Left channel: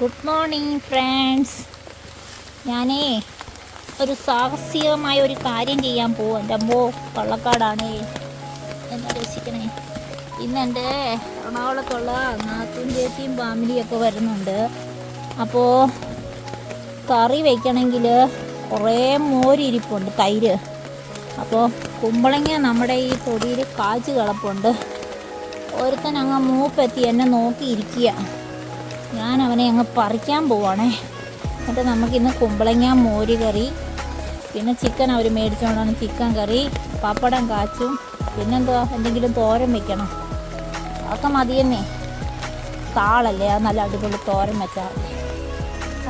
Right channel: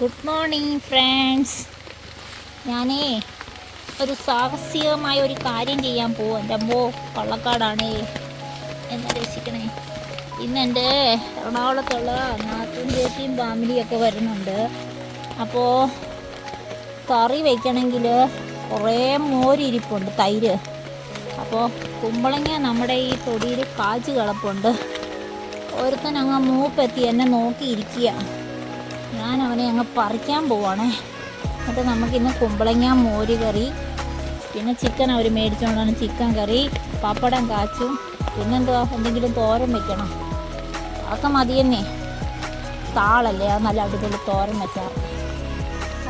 Good morning friends. ഞാനേ ഒരു സാഹസികമായ ഒരു കാര്യം ചെയ്യാൻ പോവും. എൻ്റെ അമ്മോ പള്ളക്കാടാണേ, എന്നെ രക്ഷിക്കണേ. ഇന്ന് എൻ്റെ എറണാകുളത്തുള്ള നാത്തും ചേച്ചിയും ഫാമിലിയൊക്കെ വരുന്നുണ്ട്. അപ്പോൾ കറി വയ്ക്കണമെങ്കിൽ കുറേ മോരിരിപ്പുണ്ട്, തൈര്. അപ്പോൾ കുമ്പളങ്ങ നമ്മുടെ ഈ തൊടിയിൽ കാച്ച് കിടപ്പുണ്ട്. ഒരുത്തൻ അങ്ങ് മൂപ്പെത്തി എന്നെ നോക്കിയിരിക്കുക. ഞാൻ അവനെ അങ്ങ് പറിക്കാൻ പോവാണേ. എന്നിട്ട് നമുക്കിന്ന് കുമ്പളങ്ങ മോര് കറി, പിന്നെ ചിക്കൻ അവർ മേടിച്ചുകൊണ്ടാണ്, ചിക്കൻ കറി, പപ്പടം കാച്ചും, പിന്നെന്തുവാ എന്തെങ്കിലും തോരൻ വെക്കണം. അതൊക്കെ മതിയെന്നേ. താളല്ലേ, അത് നല്ല അടിപൊളി തോരൻ വെച്ചാൽ.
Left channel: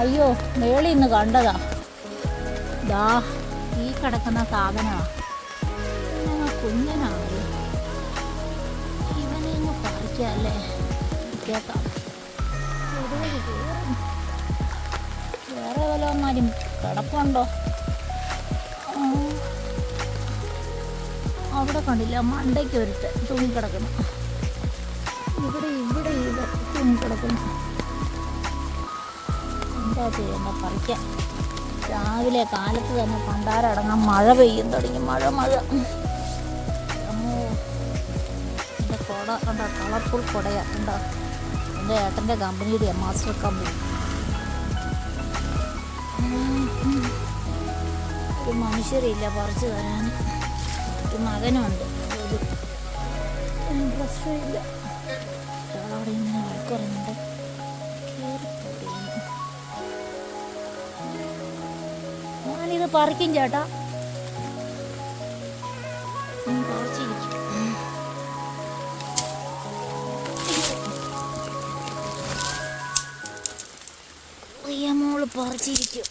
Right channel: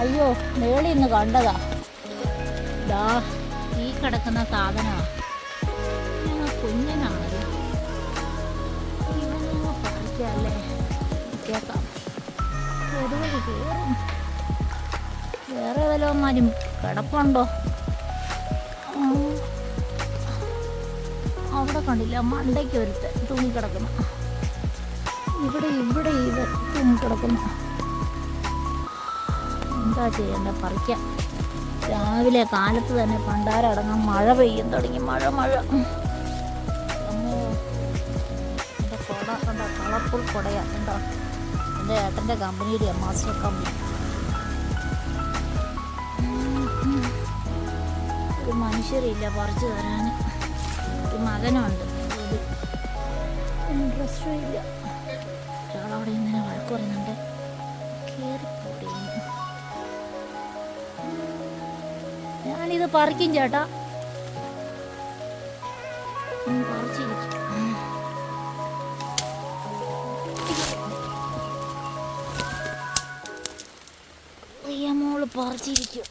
അയ്യോ, മേളിൽ നിന്ന് കണ്ടതാ, ദാ ഈ കിടക്കുന്ന സാധനമാണ്. ഞങ്ങൾ കുഞ്ഞനാണല്ലോ, ഇവനെ അങ്ങ് പറിക്കാമല്ലേ. കേൾക്കാം, വേറെ വല്ലവന്മാരും കിടപ്പുണ്ടോ? അവിടെ കണ്ടില്ല, മണ്ടയ്ക്ക് ഒരുത്ത് തൂങ്ങിക്കിടക്കണം. ഇവിടെ തൂങ്ങിക്കിടക്കണം. എന്താ ചെയ്യണ്ട, പറിക്കാം. രാവിലെ കാലത്ത് തന്നെ പണ്ടാരടങ്ങാൻ മഴ പെയ്യും തുടങ്ങി. മഴ അമ്മോ, എൻ്റെ കുട കണ്ടോ, കളർഫുൾ കുടയാ കണ്ടോ. എൻ്റെ ഏട്ടൻ്റെ കമ്പനിയുടെ മാസ്റ്റർ കമ്പനി. ഒരു മനുഷ്യരില്ല പറിച്ചു തരാൻ. ഒരു മകനുണ്ട്, ഒരു ഇൻട്രസ്റ്റും ഇല്ല. ഒരാളവിടെ ഇങ്ങനെ വഴക്കുറയുന്നുണ്ട്. ഞാനിത് പറിക്കും ചേട്ടാ, പറിച്ചിരിക്കും. മോള് പറിച്ചിരിക്കും.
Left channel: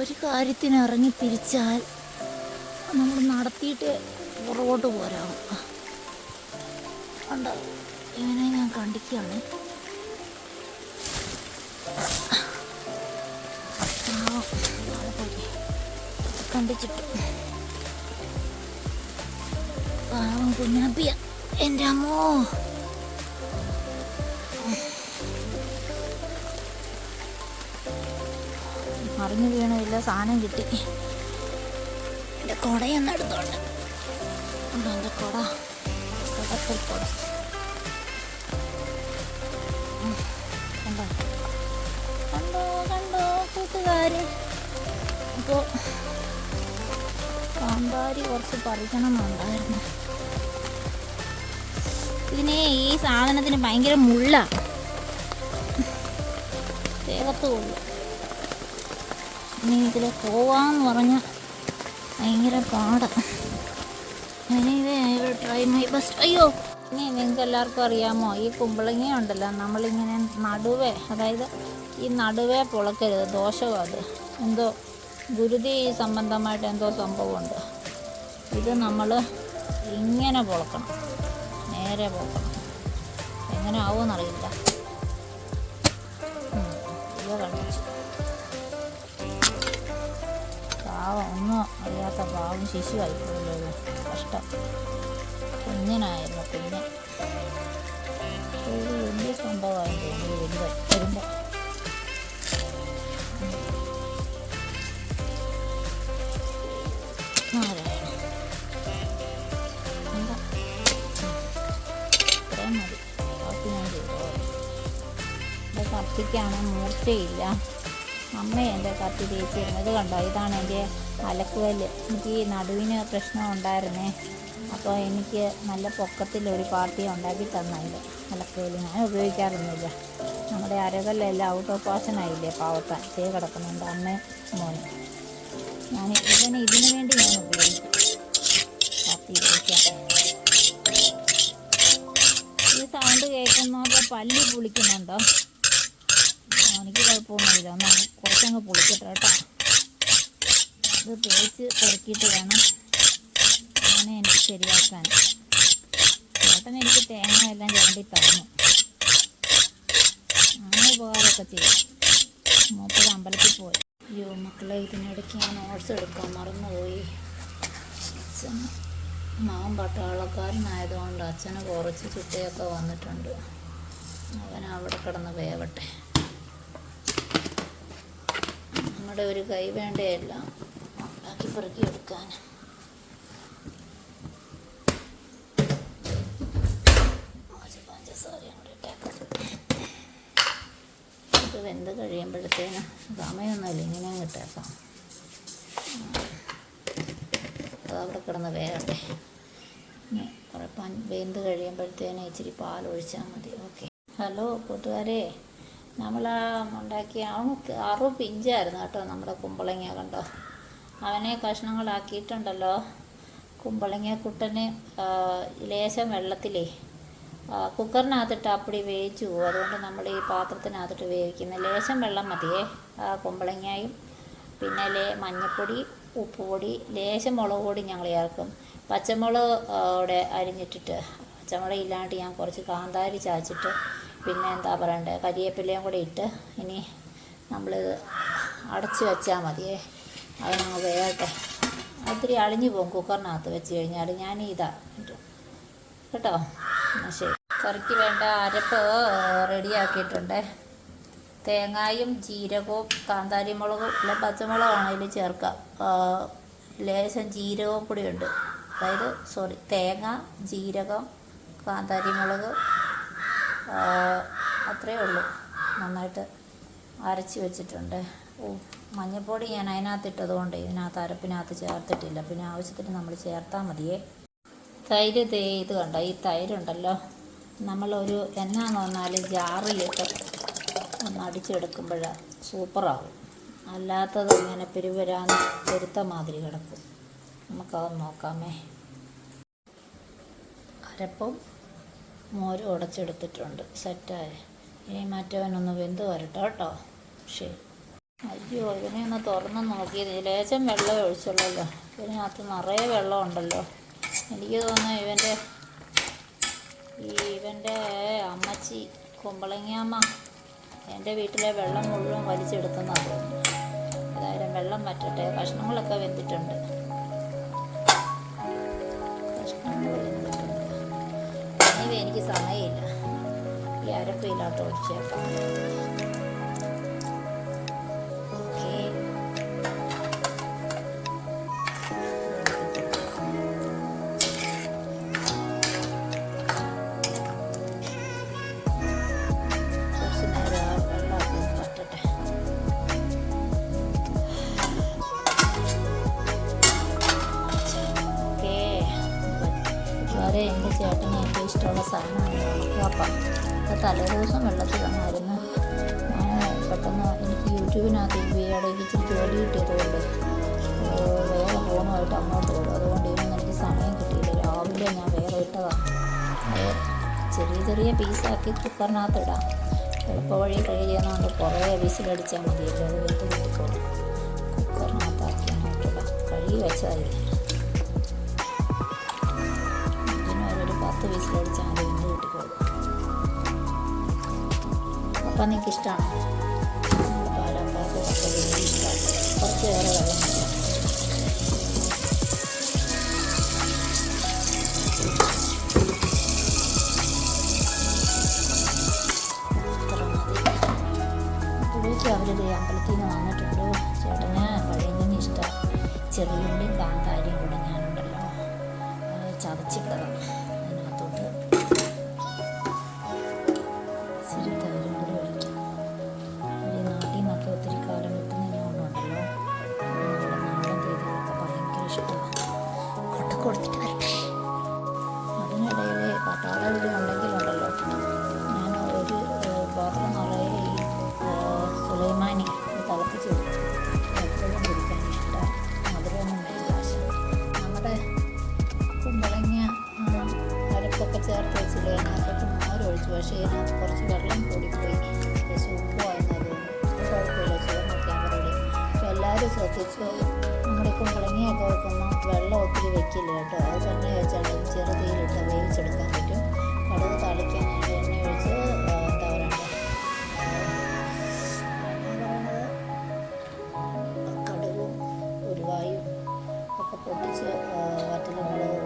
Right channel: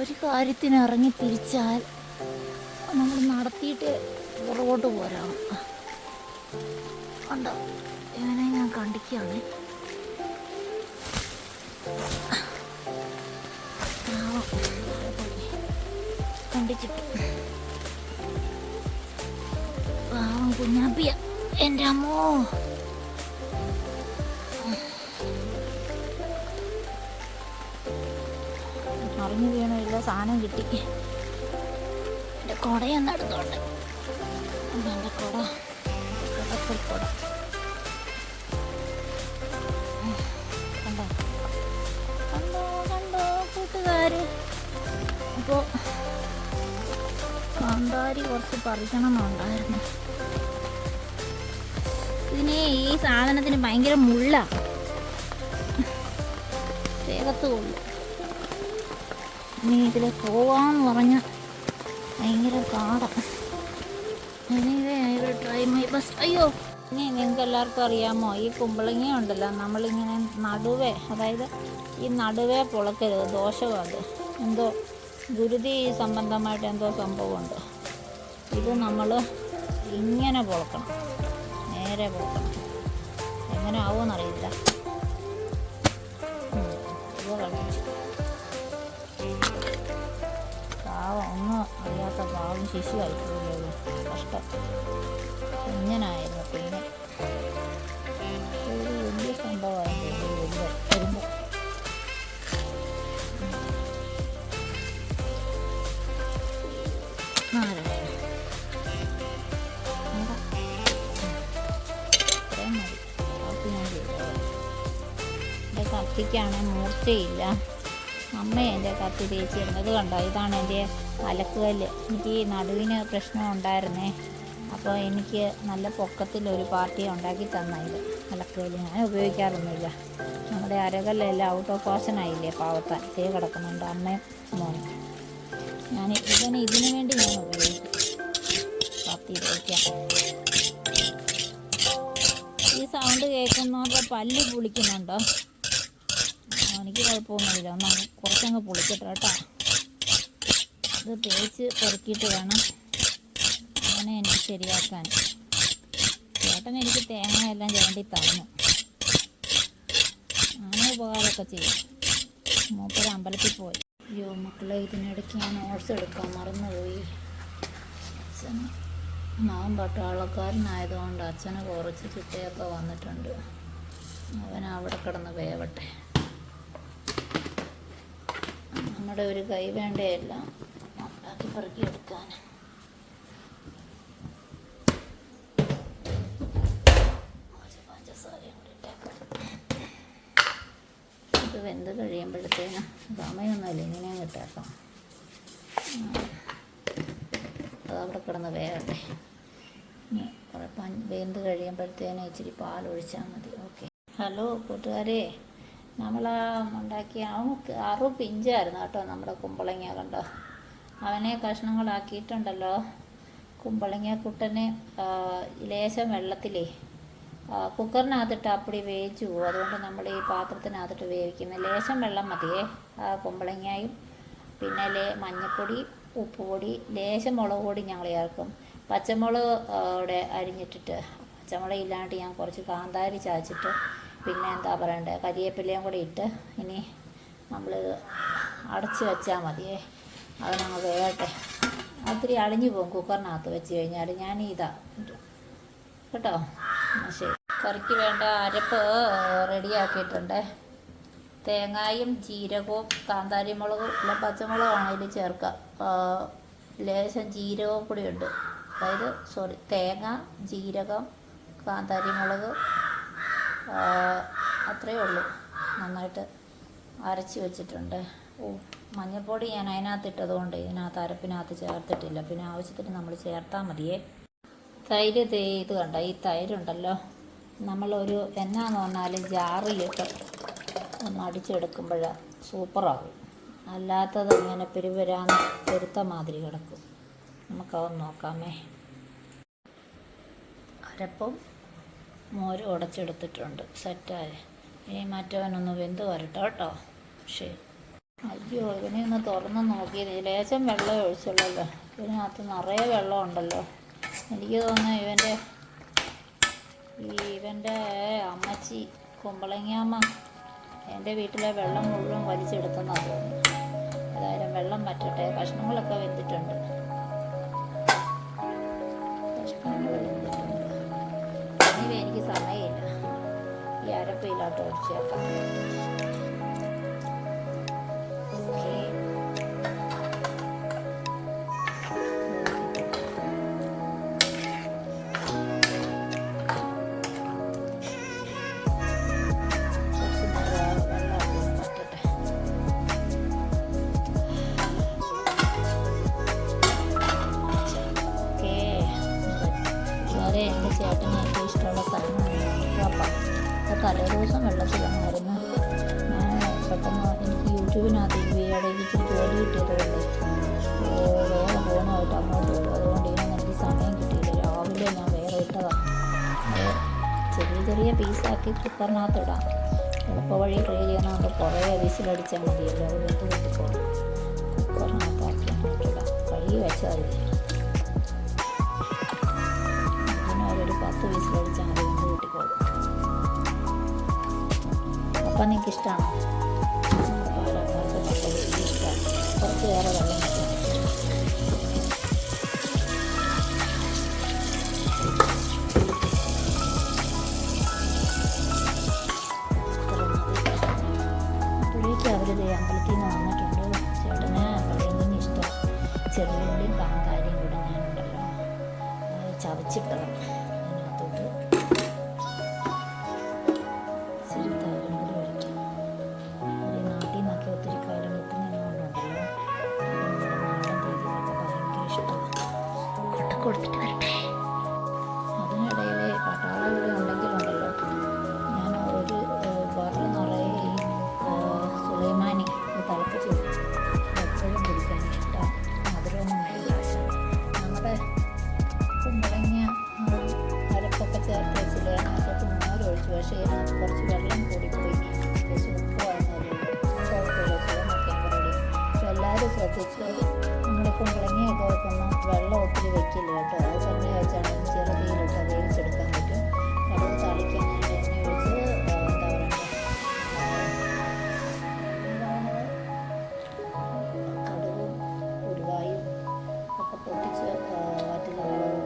ഒരു കാര്യത്തിന് ഇറങ്ങി തിരിച്ചാൽ നമ്മൾ നടത്തിയിട്ട് പുറകോട്ട് പോരാവും. കണ്ടോ, ഇവനെ ഞാൻ കണ്ടിക്കുകയാണ്. കണ്ടിച്ചിട്ട് പാവം കുഞ്ഞാപ്പിയ, എൻ്റെ അമ്മോ. മറിഞ്ഞു വീണില്ല, സാധനം കിട്ടി. എൻ്റെ കുടയൊന്നും എടുത്തോണ്ട് ഉണ്ടോ, എൻ്റെ കുട കുട കണ്ടോ കണ്ടോ കണ്ടോ കൂട്ടുകാര്. അപ്പോൾ കാന്താരി കുറച്ച് പറിക്കണമെന്നുണ്ടായിരുന്നു. ഇതിനെ ഈ സാധനത്തിന് ഭയങ്കര മുള്ള, ദേഹത്ത് കൊള്ളു. ഇനി ഇതിൽ പോവാന്ന് പറഞ്ഞാൽ ഭയങ്കര പാടാണ്. Try my best. അയ്യോ, ഇനി നിങ്ങൾക്ക് എല്ലാവർക്കും അറിയാമോ, ഈ കുമ്പളങ്ങ ഉണ്ടല്ലോ, നമ്മളിങ്ങനെ നടുവേ, അതായത് ഈ നടുവേ പൊളക്കരുത്, ദോഷവും. അത് എന്തോ ഗുരുതി സംബന്ധമായിട്ട് എന്തോ സംഭവമുണ്ട്. ഇത് നമ്മൾ ഇങ്ങനെ പൊളക്കണം, നേരെ പൊളക്കണം. എങ്ങനെ ആവുമെന്നറിയില്ല. ഇത് കളിച്ചു പാവം, ഒന്നും അറിയാത്ത പാവം ശിശുവായിപ്പോയല്ലോ ഇത്. കഷ്ടം, കുഞ്ഞനായിരുന്നു, കുഞ്ഞൻ. ഒരു വലിയ സംഭവമായിരുന്നു വരുമ്പോൾ. ഇത്രയും മതി, ബാക്കി ഞാൻ ചെയ്തോ. എൻ്റെ കത്തിക്കാണ് മൂർച്ചയില്ല. അമ്മ എൻ്റെ കത്തി തേച്ചിരുന്നത് കണ്ടോ. ഇതാണ് എൻ്റെ അലക്കുകല്ല്. എനിക്ക് ഈ നടുവിന് പ്രശ്നം ഉണ്ടായിരുന്നേ. അപ്പോൾ എനിക്ക് നല്ല പൊക്കത്തിലൊരു പാർട്ടി ഉണ്ടാക്കി തന്ന ഇത് അലക്കുകല്ല്. ഞാൻ ഉപയോഗിക്കാറൊന്നുമില്ല. നമ്മുടെ അരകല്ലെല്ലാം ഔട്ട് ഓഫ് ഫാഷനായില്ലേ, പാവത്താൻ ചെയ്ത് കിടക്കുന്നുണ്ട് അമ്മയും മോനും. ഞാൻ ഇതിനു വേണ്ടി ഞാൻ ഉപയോഗിക്കും, കത്തി തേക്കാൻ. ഈ സൗണ്ട് കേൾക്കുന്നതൊക്കെ പല്ല് പൊളിക്കുന്നുണ്ടോ? എനിക്ക് കുഴപ്പമൊന്നുമില്ല, എന്നാൽ കുറച്ചങ്ങ് പൊളിക്കട്ടെ കേട്ടോ. ഇത് തേച്ച് പെറുക്കിയിട്ട് വേണം അങ്ങനെ എനിക്ക് ശരിയാക്കാൻ. ചേട്ടൻ എനിക്ക് തേങ്ങയെല്ലാം ചുരണ്ടി തന്നു, അങ്ങനെ ഉപകാരമൊക്കെ ചെയ്യും. മൂപ്പര് അമ്പലത്തിൽ പോയി. അയ്യോ മക്കളെ, ഇതിനിടയ്ക്ക് ഞാൻ നോട്ട്സ് എടുക്കാൻ മറന്നുപോയി. മകൻ പട്ടാളക്കാരനായതുകൊണ്ട് അച്ഛന് കുറച്ച് ചിട്ടയൊക്കെ വന്നിട്ടുണ്ട്. അവൻ അവിടെ കിടന്ന് വേവട്ടെ. നമ്മുടെ ഒരു കൈ വേണ്ടയെല്ലാം ഉണ്ടാക്കി പെറുക്കി എടുക്കാൻ. ഇത് വെന്ത് കഴിയുമ്പോഴത്തേനും സമയമൊന്നുമില്ല, ഇങ്ങനെയും ഇട്ടേക്കാം. അതവിടെ കിടന്ന് വേകട്ടെ. ഇനി കുറേ വെന്ത് കഴിയുമ്പോഴത്തേനും ഇച്ചിരി പാലൊഴിച്ചാൽ മതി. ഓക്കെ. ഹലോ കൂട്ടുകാരെ, നമ്മൾ ഉണ്ടാക്കിയ അവൻ പിഞ്ചായിരുന്നു കേട്ടോ നമ്മുടെ കുമ്പളങ്ങ. കണ്ടോ, അവനെ കഷ്ണങ്ങളാക്കിയിട്ടുണ്ടല്ലോ. കുമ്പളങ്ങ കുട്ടനെ ലേശം വെള്ളത്തിലേ കുക്കറിനകത്തിട്ട് അപ്പടി വേവിച്ചു പോകും. അതുകൊണ്ട് നമ്മൾ ഈ പാത്രത്തിനകത്തിട്ട് വേവിക്കുന്നത്. ലേശം വെള്ളം മതിയേ. കുമ്പളങ്ങയും പിന്നെ മഞ്ഞൾപ്പൊടി, ഉപ്പുപൊടി, ലേശം മുളക് പൊടി ഞങ്ങൾ ചേർക്കും. പച്ചമുളക് അവിടെ അരിഞ്ഞിട്ടിട്ട്, പച്ചമുളക് ഇല്ലാണ്ട് ഞാൻ കുറച്ച് കാന്താരി ചാച്ചിട്ട്, പിന്നെ എന്താ പറയണ്ടേ, കരിവേപ്പിലയും കൂടെ ഇട്ട് ഇനി നമ്മൾ അടച്ച് വെച്ചാൽ മതിയേ. അതിനങ്ങ് വേകട്ടെ. ഒത്തിരി അളിഞ്ഞു പോകും കുക്കറിനകത്ത് വെച്ച് കഴിഞ്ഞാൽ. ഞാൻ കേട്ടോ. ശരി. കറിക്ക് വേണ്ട അരപ്പ് റെഡിയാക്കിയിട്ടുണ്ട്. തേങ്ങയും ജീരകവും കാന്താരി മുളകും ഇല്ല പച്ചമുളകാണെങ്കിലും ചേർക്കാം. ലേശം ജീരകവും കൂടിയുണ്ട്. അതായത് തേങ്ങ, ജീരകം, കാന്താരി മുളക്, അത്രയേ ഉള്ളൂ. നന്നായിട്ട് അരച്ച് വെച്ചിട്ടുണ്ട്. മഞ്ഞൾപ്പൊടി ഞാൻ അതിനകത്തിട്ടത് കൊണ്ട് ഇതിനകത്ത് അരപ്പിനകത്ത് ചേർത്തിട്ടില്ല. പിന്നെ ആവശ്യത്തിന് നമ്മൾ ചേർത്താൽ മതിയേ. തൈര് ഇത് കണ്ടോ, ഈ തൈരുണ്ടല്ലോ നമ്മളൊരു എന്നാന്ന് പറഞ്ഞാൽ ജാറിലിട്ട് ഒന്ന് അടിച്ചെടുക്കുമ്പോൾ സൂപ്പറാകും. അല്ലാത്തത് ഇങ്ങനെ പെരുവരാന്ന് പെരുത്ത മാതിരി കിടക്കും. നമുക്കത് നോക്കാമേ. അരപ്പും മോരും ഉടച്ചെടുത്തിട്ടുണ്ട്, സെറ്റായി. ഇനി മറ്റവനൊന്ന് വെന്ത് വരട്ടെ കേട്ടോ. ശരി. അയ്യോ, ഇവനെ ഒന്ന് തുറന്ന് നോക്കിയത് ലേശം വെള്ളം ഒഴിച്ചുള്ളല്ലോ. ഇതിനകത്ത് നിറയെ വെള്ളം ഉണ്ടല്ലോ. എനിക്ക് തോന്നുന്നു ഇവൻ്റെ അമ്മച്ചി കുമ്പളങ്ങാമ്മ എൻ്റെ വീട്ടിലെ വെള്ളം മുഴുവൻ വലിച്ചെടുത്തെന്നാണ് തോന്നുന്നു. ഏതായാലും വെള്ളം വറ്റട്ടെ. കഷ്ണങ്ങളൊക്കെ വെന്തിട്ടുണ്ട്. ഇനി എനിക്ക് സമയമില്ല. ഈ അരപ്പില്ലാട്ട് ഒഴിച്ചേക്കാം. ഓക്കെ. എൻ്റെ ചേട്ടന് ഏറ്റവും ഇഷ്ടമുള്ള സാധനമാണ് ഉണക്കപ്പം. അപ്പോൾ തലേദിവസം വെള്ളത്തിലങ്ങായിരുന്നു. ഞാൻ പെട്ടെന്ന് എനിക്ക് യൂട്യൂബിനകത്ത് ഇടയ്ക്ക് ഇച്ചിരി ജോലി കിട്ടിയതുകൊണ്ട് വേറെ ഫോണുമായിട്ട് അങ്ങോട്ട് വിടും. അതുകൊണ്ട് ഇതിനൊന്നും എനിക്ക് സമയം കിട്ടിയില്ല. രാവിലെ ഞാൻ വേറെ ഇട്ടതാണ്. ചെറിയ ചെറിയ പീസാക്കി കുക്കറിനകത്ത് ഇടാം. എളുപ്പവഴി ട്രൈ ചെയ്യുന്നതുകൊണ്ട് കുറേ വിസിലടിച്ചാൽ മതിയല്ലോ. അത് വെന്ത് കിട്ടിക്കോളും. കുക്കറിനകത്താക്കി അങ്ങോട്ട് ഇടാം. കഴുകി വെച്ചാൽ മതി. 10 വിസിലടിച്ചാൽ മതി, വെന്ത് കിട്ടിക്കോളും. അപ്പം നിങ്ങൾക്ക് ഇഷ്ടമാണോ? നമ്മുടെ പാലക്കാർക്ക് കപ്പ വലിയ ഇഷ്ടമാണ്. കുറച്ച് വേറെ വെള്ളം വെച്ചാൽ ഇത്ര മതി. അവരിത് അമ്പലത്തിൽ നിന്ന് വന്നിട്ടുണ്ട്. ചേട്ടന് പഴയതിന് ഇഷ്ടമാണ്. ചെറിയുള്ളിയും കാന്താരിയും കൂടെ ഞാനുണ്ടല്ലോ ചതച്ചിട്ടതാണ്. അതിനകത്തോട്ട് ഇച്ചിരി തൈരും കൂടി ഒഴിക്കാം. ഈ നാട്ടിൽ നിന്നൊക്കെ ഒത്തിരി കാലം വിട്ടുന്നതിനെ കൊണ്ടുണ്ടല്ലോ നമ്മുടെ നാടൻ രീതികളൊക്കെ ഭയങ്കര ഇഷ്ടമാണ്. കൊട്ട കൊടുത്തിട്ട് വരട്ടെ. അതിനിടയിൽ പട്ടാള ഇവിടെ ഉണ്ടെങ്കിലുണ്ടല്ലോ ഞാൻ ഒരു പാത്രം നിറയെ ഈ സുലൈമാനി തിളപ്പിച്ച് വെച്ചു. എപ്പോഴും കുടിക്കാൻ ഇഷ്ടമാണ്. മധുരമൊന്നും വേണ്ട. നമ്മുടെ കുമ്പളങ്ങ അരപ്പൊക്കെ ചേർത്ത് വെച്ചില്ലേ, അതിനകത്തോട്ട് മോരൊഴിച്ചു. പക്ഷേ ഇതിനകത്ത് കുറച്ച് വെള്ളം കൂടിപ്പോയി. ശേഷം ഉപ്പുമായിരുന്നല്ലോ. കുഴപ്പമില്ല, ചോറിനൊക്കെ റെഡി. അപ്പോൾ എല്ലാവരും ശ്രദ്ധിച്ചു. നമ്മുടെ കുമ്പളങ്ങയൊക്കെ വെക്കുമ്പോൾ വെള്ളം ഒത്തിരി വെക്കില്ല കേട്ടോ. അത് തന്നെ വെച്ചാണ് ചെറുതീയിലിട്ട് വേവിച്ചെടുക്കാൻ പറ്റും. കടുക് താളിക്കാൻ ഞാൻ എണ്ണ ഒഴിച്ച് എന്താ പറയണ്ടേ, കടുകും ഉരുവായും ഒക്കെ പൊട്ടി കുറച്ച് വറ്റൽമുളക്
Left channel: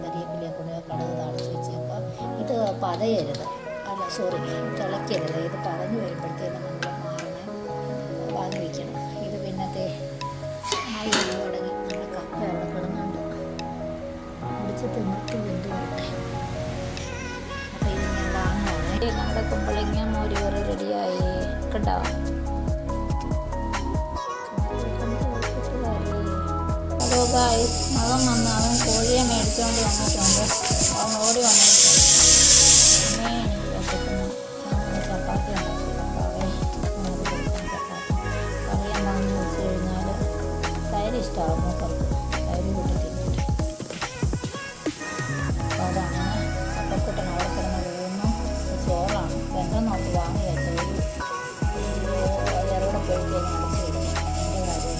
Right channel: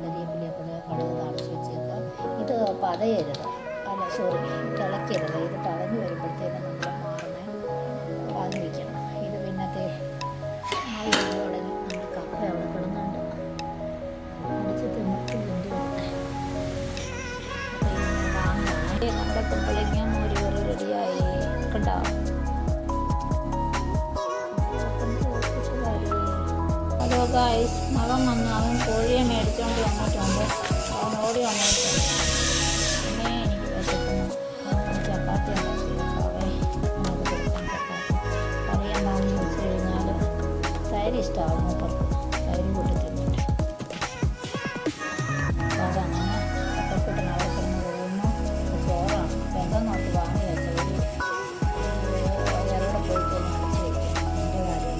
കരിവേപ്പിലയൊക്കെ കടുക് താളിച്ച് വെച്ചേക്കുക. ഇത് പതയരുത്, അല്ല സോറി, തിളയ്ക്കരുത്. ഇത് പതഞ്ഞ് വരുമ്പോഴത്തേനും നമ്മൾ മാറണേ വാങ്ങി വയ്ക്കണം. ഇത് പിന്നത്തെ ആയി വന്നു തുടങ്ങി. നമ്മുടെ കപ്പ അവിടെ കിടന്നുണ്ട്, അടിച്ച് തിമിർത്ത് വെന്ത് വരട്ടെ. അപ്പോൾ ഇത് ഞാൻ വാങ്ങുകയാണേ. നമ്മുടെ കുമ്പളങ്ങ മോര് കറി റെഡിയായി കണ്ടോ. ഹലോ ഗായ്സ്, മകൻ വന്ന് അവൻ കോഴിയെ മേടിച്ചുകൊണ്ട് വന്നിട്ടുണ്ട്. അവൻ ഓടി വന്നിട്ടുണ്ട്, അമ്മേ എനിക്ക് വിശക്കുന്നു, ചപ്പാത്തി ഉണ്ടാക്കി വെക്കാവേ, നമുക്ക് കൊടുക്കാം ചപ്പാത്തി. കറി എന്താണെന്ന് വെച്ച് കഴിഞ്ഞാൽ തൈര് ഇഷ്ടമാകും മൂപ്പർക്ക്, തൈര് കൂട്ടി തിന്നിട്ട്. അപ്പോൾ അതങ്ങനെ ചപ്പക്കുട്ടൻ അവിടെ കിടന്ന് പോകുന്നു. ചോറാണ് ബന്ധം നോക്കി വാങ്ങി വെച്ച ഒരു ഇറവിടെ പോയി കഴിഞ്ഞാൽ അടച്ച് വയ്ക്കാം. എൻ്റെ കാര്യം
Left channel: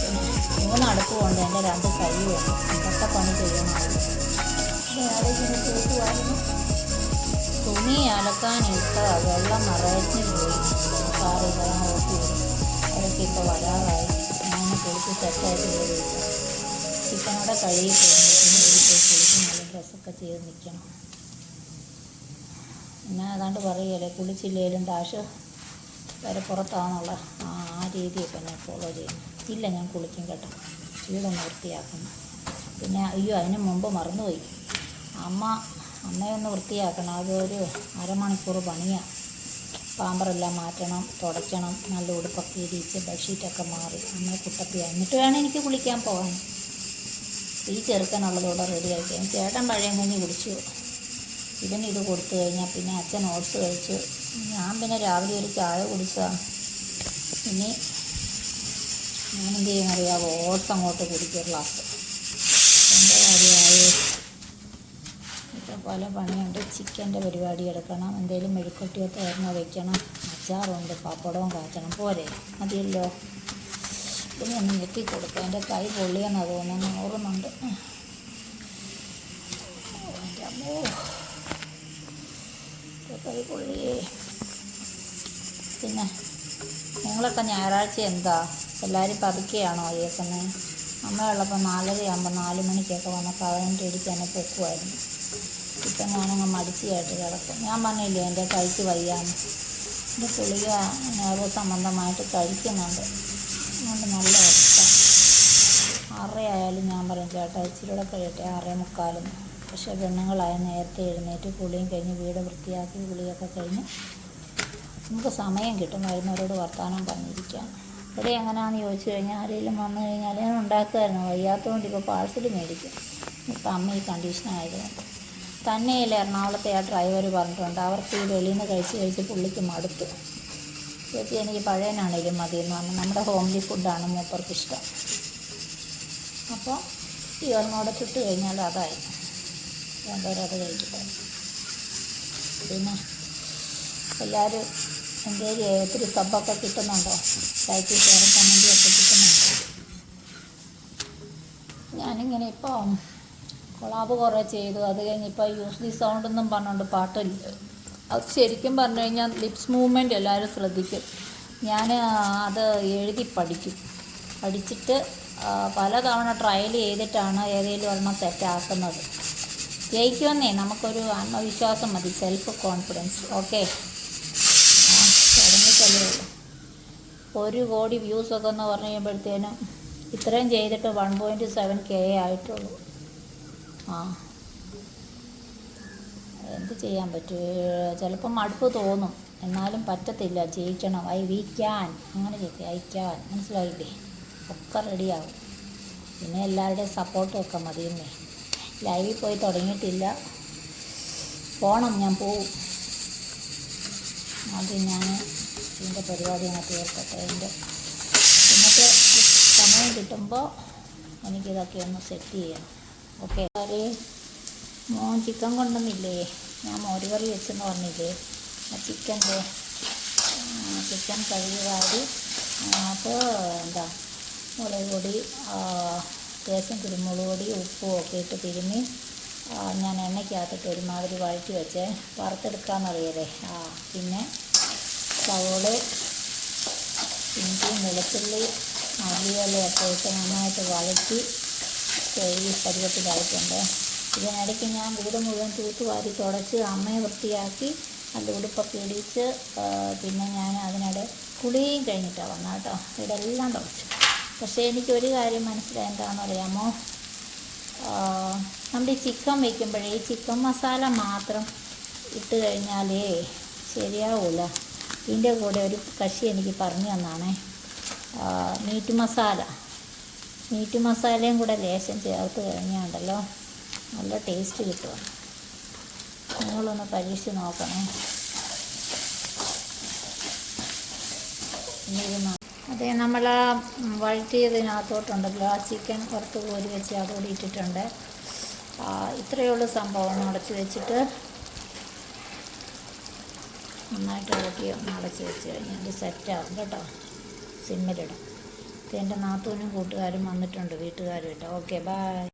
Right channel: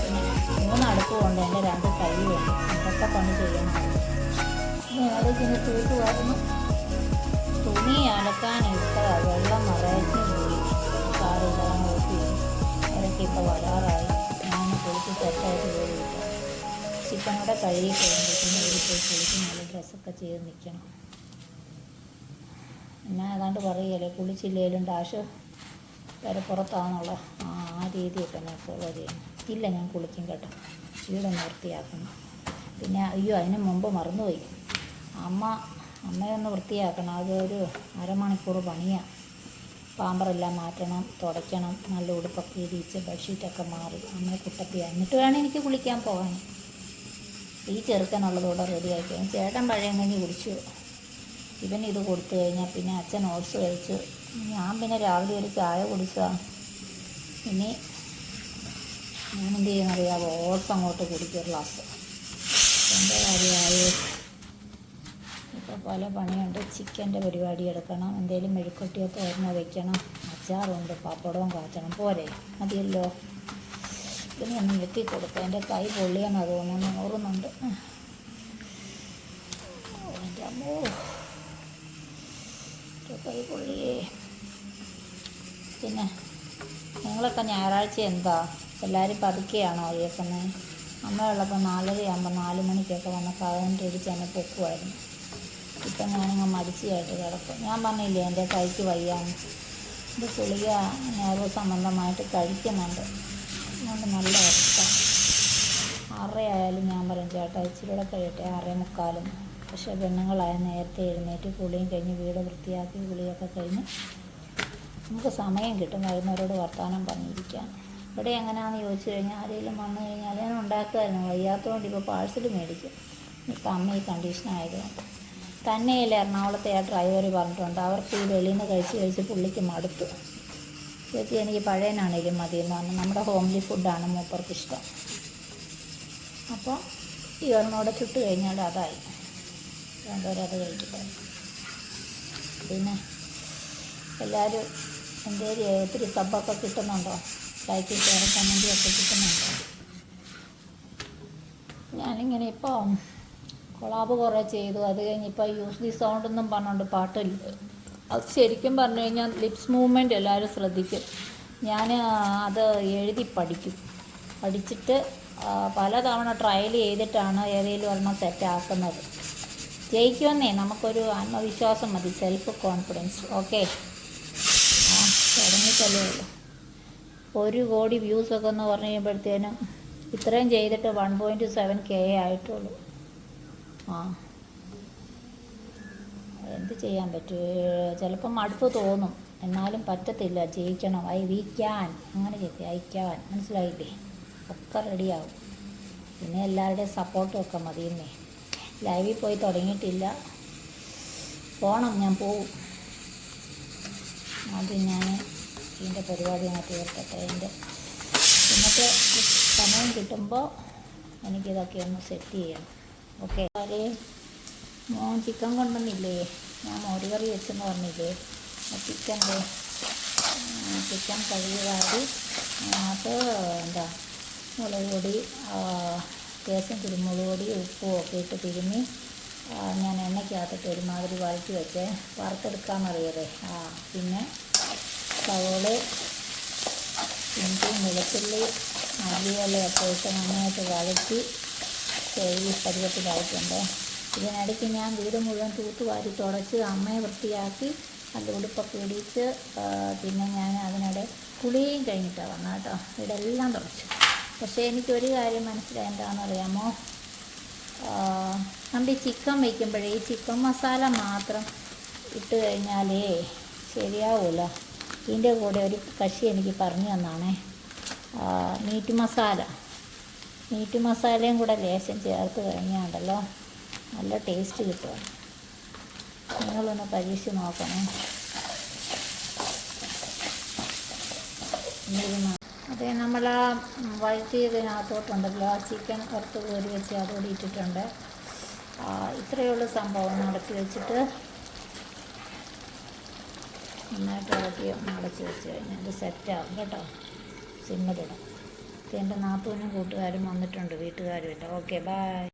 പിന്നെ 3 അടുപ്പ് കൊണ്ട് എൻ്റെ 2 കൈയുണ്ട്. എന്തൊക്കെ പണി ചെയ്യണമായിരുന്നു. ഞാനിങ്ങനെ തൂക്കുമായിരുന്നു. തുണി അലക്കാൻ ഇട്ടതാണ്, വെള്ളം നിറയച്ച് പോയി. സാറില്ല, അതങ്ങ് ഓഫ് ചെയ്തു. അവരൊക്കെ ഇപ്പോൾ വരാറായി. ഞാൻ കുളിച്ച് സെറ്റായിട്ട് പോയില്ല. ചിക്കനോടെ കഴുകി പോകുമ്പോഴത്തേനും ഒരു പോയി കുളിച്ച് നല്ല ഡ്രസ്സൊക്കെ ചെയ്ത് നിൽക്കണം. പിന്നെ ഏതാണ്ട് പറയുകയല്ലേ, കുളിച്ചില്ലേലും ഡാഷ് വരെ പുറത്താണെന്നുള്ള ആ രീതിയൊക്കെ ഞാൻ ഫോളോ ചെയ്യുന്നു. ഇല്ല, ഞാൻ കുളിക്കും കേട്ടോ, വീടൊന്ന് വൃത്തിയാക്കണം. പിന്നെ അയ്യോ, അതിന് മുമ്പ് മറന്നുപോയി, അമ്മയൊന്ന് വൃത്തിയാക്കണം. അതൊരു അരമണിക്കൂർ പണിയാണ്. പാമ്പറെല്ലാം മാറ്റണം, തുടയ്ക്കണം, നല്ല ഉടുപ്പൊക്കെ ഇടിച്ച് ബെഡ്ഷീറ്റൊക്കെ മാറി അമ്മയെ കുട്ടപ്പിയാണ്. എന്നിട്ട് വേണം എനിക്ക് കുളിക്കാൻ പോകാൻ. ഈ ചെറുക്കനുള്ളതോടെ റെഡിയാക്കി. ചേട്ടൻ പഴയ കഞ്ഞി കുടിച്ചു. ഇവൻ ഇത് കൊടുത്തു കഴിഞ്ഞാൽ പിന്നെ അച്ഛൻ ഓട്സ് കഴിച്ചു. ഞാൻ പിന്നെ രാവിലെ ഒരു ചായ കുടിച്ചതാണ്. ഇനി ഞാനെന്ത് ചെയ്യുന്നറിയാമോ, ഓട്സ് അങ്ങോട്ട് കുടിക്കും ഒരു ഗ്ലാസ്. എൻ്റെ കാര്യമായി ഇപ്പോൾ പല പണിയുണ്ട്. ചിക്കൻ്റെ പരിപാടി എടുക്കണം, എന്തെങ്കിലും മെഴുക്കുട്ടിയോ തേങ്ങ വയ്ക്കണം, അച്ചാറുണ്ട്, പപ്പടവും കാച്ചണം. പോരെ, മതിയല്ലോ. ഇതിനെ ഒന്ന് ഞെക്കി കൊടുക്കുക. എൻ്റെ കൈ പൊള്ളിയെന്ന് തോന്നുന്നു, ഓർമ്മയുണ്ട്. എൻ്റെ അമ്മോ, കൈ പൊള്ളിയേ. പിന്നെ നിങ്ങളൊക്കെ ഞായറാഴ്ച എന്താ എല്ലാവരും പതുക്കെയാണോ കേൾക്കുന്നത്? അമ്മയുള്ളപ്പോൾ 4:30 4 മണിക്കൊക്കെ വന്ന് 15 അടിച്ച് എന്നെ പൊക്കുമായിരുന്നു. ഇപ്പം ഞാനങ്ങ് മടിച്ചിയായിട്ട് കിടക്കും. ഞാൻ പറഞ്ഞില്ലേ എൻ്റെ കൈക്ക് വയ്യാന്ന്. ഇത് ഗുളിക നെർവ് സംബന്ധമായിട്ട് കഴിക്കുന്നുണ്ട്. അതുകൊണ്ട് നല്ല അവസ്ഥ. 6 ആയാലും ഞാൻ പറയും ചേട്ടാ ഇച്ചിരി കൂടെ കഴിയട്ടെ, 6:45. പക്ഷേ പെണ്ണുങ്ങളായ നേരത്തെ എഴുന്നേറ്റ് കുളിയും കഴിഞ്ഞ് വീട് വൃത്തിയാക്കി കുളിയൊക്കെ കഴിഞ്ഞ് നമുക്ക് സമയം കിട്ടും വരുന്നവരോട് വർത്തമാനം പറഞ്ഞിരിക്കാൻ. ഇവിടെ എങ്ങനെയാണെന്ന് ചോദിച്ചു കഴിഞ്ഞാൽ ആരെങ്കിലും വന്നു കഴിഞ്ഞാൽ ഞാൻ ഉണ്ടാക്കുമായിരുന്നു. വയ്യാത്തതുകൊണ്ട് ഇപ്പോൾ പാഴ്സൽ മേടിക്കും. ഇപ്പം അമ്മ ഈ കണ്ടീഷനായതുകൊണ്ട് തന്നെയല്ല. എറണാകുളത്തെ ആ ഡ്രൈവർ പറഞ്ഞിട്ടുണ്ട്, അവർക്ക് ഈ വെളിയിൽ നിന്ന് കഴിച്ച് പുള്ളിക്ക് മടുത്തു. ചേച്ചി എനിക്ക് പഴയനാണേലും മതിയെന്ന് പറഞ്ഞു. നമ്മുടെ ഹോംലി ഫുഡാണ് മൂപ്പർക്ക് ഇഷ്ടം. അപ്പോൾ ഈ ഒന്നൂടെ ചുട്ട് കഴിഞ്ഞാൽ അതായി, വേണ്ടവരത് കഴിക്കട്ടെ. പിന്നെ എല്ലാവരും എന്തെങ്കിലും ഒത്തിരി സബ്ബൊക്കെ കിട്ടുന്നുണ്ടോ? ലൈക്ക് ഷെയറും കമൻറ്റും ഒക്കെ കിട്ടുന്നുണ്ടോ? ഞാനിങ്ങനെ ഇപ്പോൾ കൊളാബ് കുറേ ചെയ്തു. അത് കഴിഞ്ഞിപ്പോൾ യൂസ് ദി സൗണ്ട് എന്നും പറഞ്ഞുകൊണ്ട് പാട്ടില്ല. അത് ശരിക്കും പറഞ്ഞു കഴിഞ്ഞാൽ ലിപ്സ് മൂവ്മെൻറ്റ് എല്ലാവരും ശ്രദ്ധിക്കും. ഞാൻ അത് എഴുതി പഠിച്ചിട്ട് പലതവണ ട്രയൽ ചെയ്തിട്ടാണ് ഏതെങ്കിലും ഒരെണ്ണം സെറ്റാക്കുന്നത്. ജയിക്കുമെന്നേ, നമുക്കൊരു ആത്മവിശ്വാസം മതി, സെൽഫ് കോൺഫിഡൻസ്. ഓക്കെ, തുടങ്ങിക്കല്ലേ ഉള്ളൂ. 1 കോടി വ്യൂസൊക്കെ എന്ന് പറഞ്ഞു കഴിയുമ്പോഴത്തേനും ഇത്രയും ചെയ്തിട്ട് 1.7K ആയിട്ടുള്ളൂ. എന്ത് ചെയ്യാൻ പറ്റും? ചിലപ്പം മടുപ്പ് തോന്നും, എന്നാലും പറ്റത്തില്ല. ജയിക്കണം. വി ക്യാൻ, അങ്ങനെ ചെയ്യും. ഐ ക്യാൻ, മനസ്സിലായില്ലേ? ഒക്കെ റെഡിയാവും. പിന്നെ എല്ലാവരുടെയും സപ്പോർട്ടും ഒക്കെ മതിയെന്നേ. ലൈവിൽ പോയി തുടങ്ങിയിട്ടില്ല, പോകണം. ഞാൻ പോവും. ആദ്യം ഞാൻ ഇതിൻ്റെ പരിപാടി അങ്ങ് തീർക്കട്ടെ. എൻ്റെ ഇന്നത്തെ സമയം കിട്ടുമ്പോൾ എനിക്കിതൊക്കെ ഒന്ന് സെറ്റ് ചെയ്യണം. ഓക്കെ. മോൻ ചിക്കൻ കൊണ്ടുവന്നില്ലേ? ഞാൻ മോരുകറി വെച്ചെന്ന് പറഞ്ഞില്ലേ? ആ ചിക്കൻ കഴുകി വാരി അതിനകത്ത് മുളക് പൊടി, അത്യാവശ്യം കുരുമുളക് പൊടി, ഉപ്പും ഒക്കെ ഇട്ട് തിരുമ്മി ഞാൻ എണ്ണയ്ക്കകത്തിട്ട് ഒരുമാതിരി വഴറ്റി വെച്ച് വറുത്തെടുക്കാമെന്നറിയല്ലേ. പിന്നെ സവോള, ഇഞ്ചി, വെളുത്തുള്ളി മല്ലിയിലയൊക്കെ ഇട്ട് നന്നായിട്ട് വഴറ്റി ഈ പരുവത്തിലായിട്ടുണ്ട്. ഇതിനിടയ്ക്ക് ഞാൻ വീട് മുഴുവൻ തൂത്തുവാരി തുടച്ച് അമ്മയെ വൃത്തിയാക്കി നല്ല ഉടുപ്പൊക്കെ ഇടിച്ച് പിന്നെ ഞാൻ അതിനിടെ കുളിയും കഴിഞ്ഞിട്ടാണ് വന്നത് കേട്ടോ. ഇതെല്ലാം തുടച്ചു. പക്ഷേ എനിക്കൊരു കാര്യം മനസ്സിലായി, എന്താണെന്ന് അറിയാമോ? നമ്മുടെ ഈ ചിക്കൻ വയ്ക്കുമ്പോഴേ ഈ ചിക്കൻ മസാല മാത്രം ഇട്ട് കഴിഞ്ഞാലേ ശരിയാവില്ല. ഇതിൻ്റെ കൂടെ ഒരു കക്ഷി എനിക്ക് പറഞ്ഞു തന്നാണേ, മീറ്റ് മസാലയും കൂടെ ലേശം ചേർത്ത് കഴിഞ്ഞാണ്ടല്ലോ നല്ല ടേസ്റ്റ് കിട്ടും. നിങ്ങളൊന്ന് പരീക്ഷിച്ച് നോക്കണേ. അതേ, നമ്മൾ ആ വഴറ്റിയതിനകത്തോട്ടുണ്ടല്ലോ ആ ചിക്കൻ വറുത്ത് കോരി വെച്ച് അതോടെ ഇട്ടിട്ടുണ്ട്. ഇത്രയേ ഉള്ളൂ സംഭവം. അടച്ച് വെച്ചിട്ട് നന്നായിട്ട് ഇളക്കി അടച്ച് വെച്ച് കഴിഞ്ഞാൽ അത് സെറ്റാവും കേട്ടോ. സിമ്മിലിടാം. എൻ്റെ നാത്തൂനും കൂട്ടുകാരും വന്നിട്ടുണ്ട്, വീട്ടുകാരും ഇല്ല. Okay, by.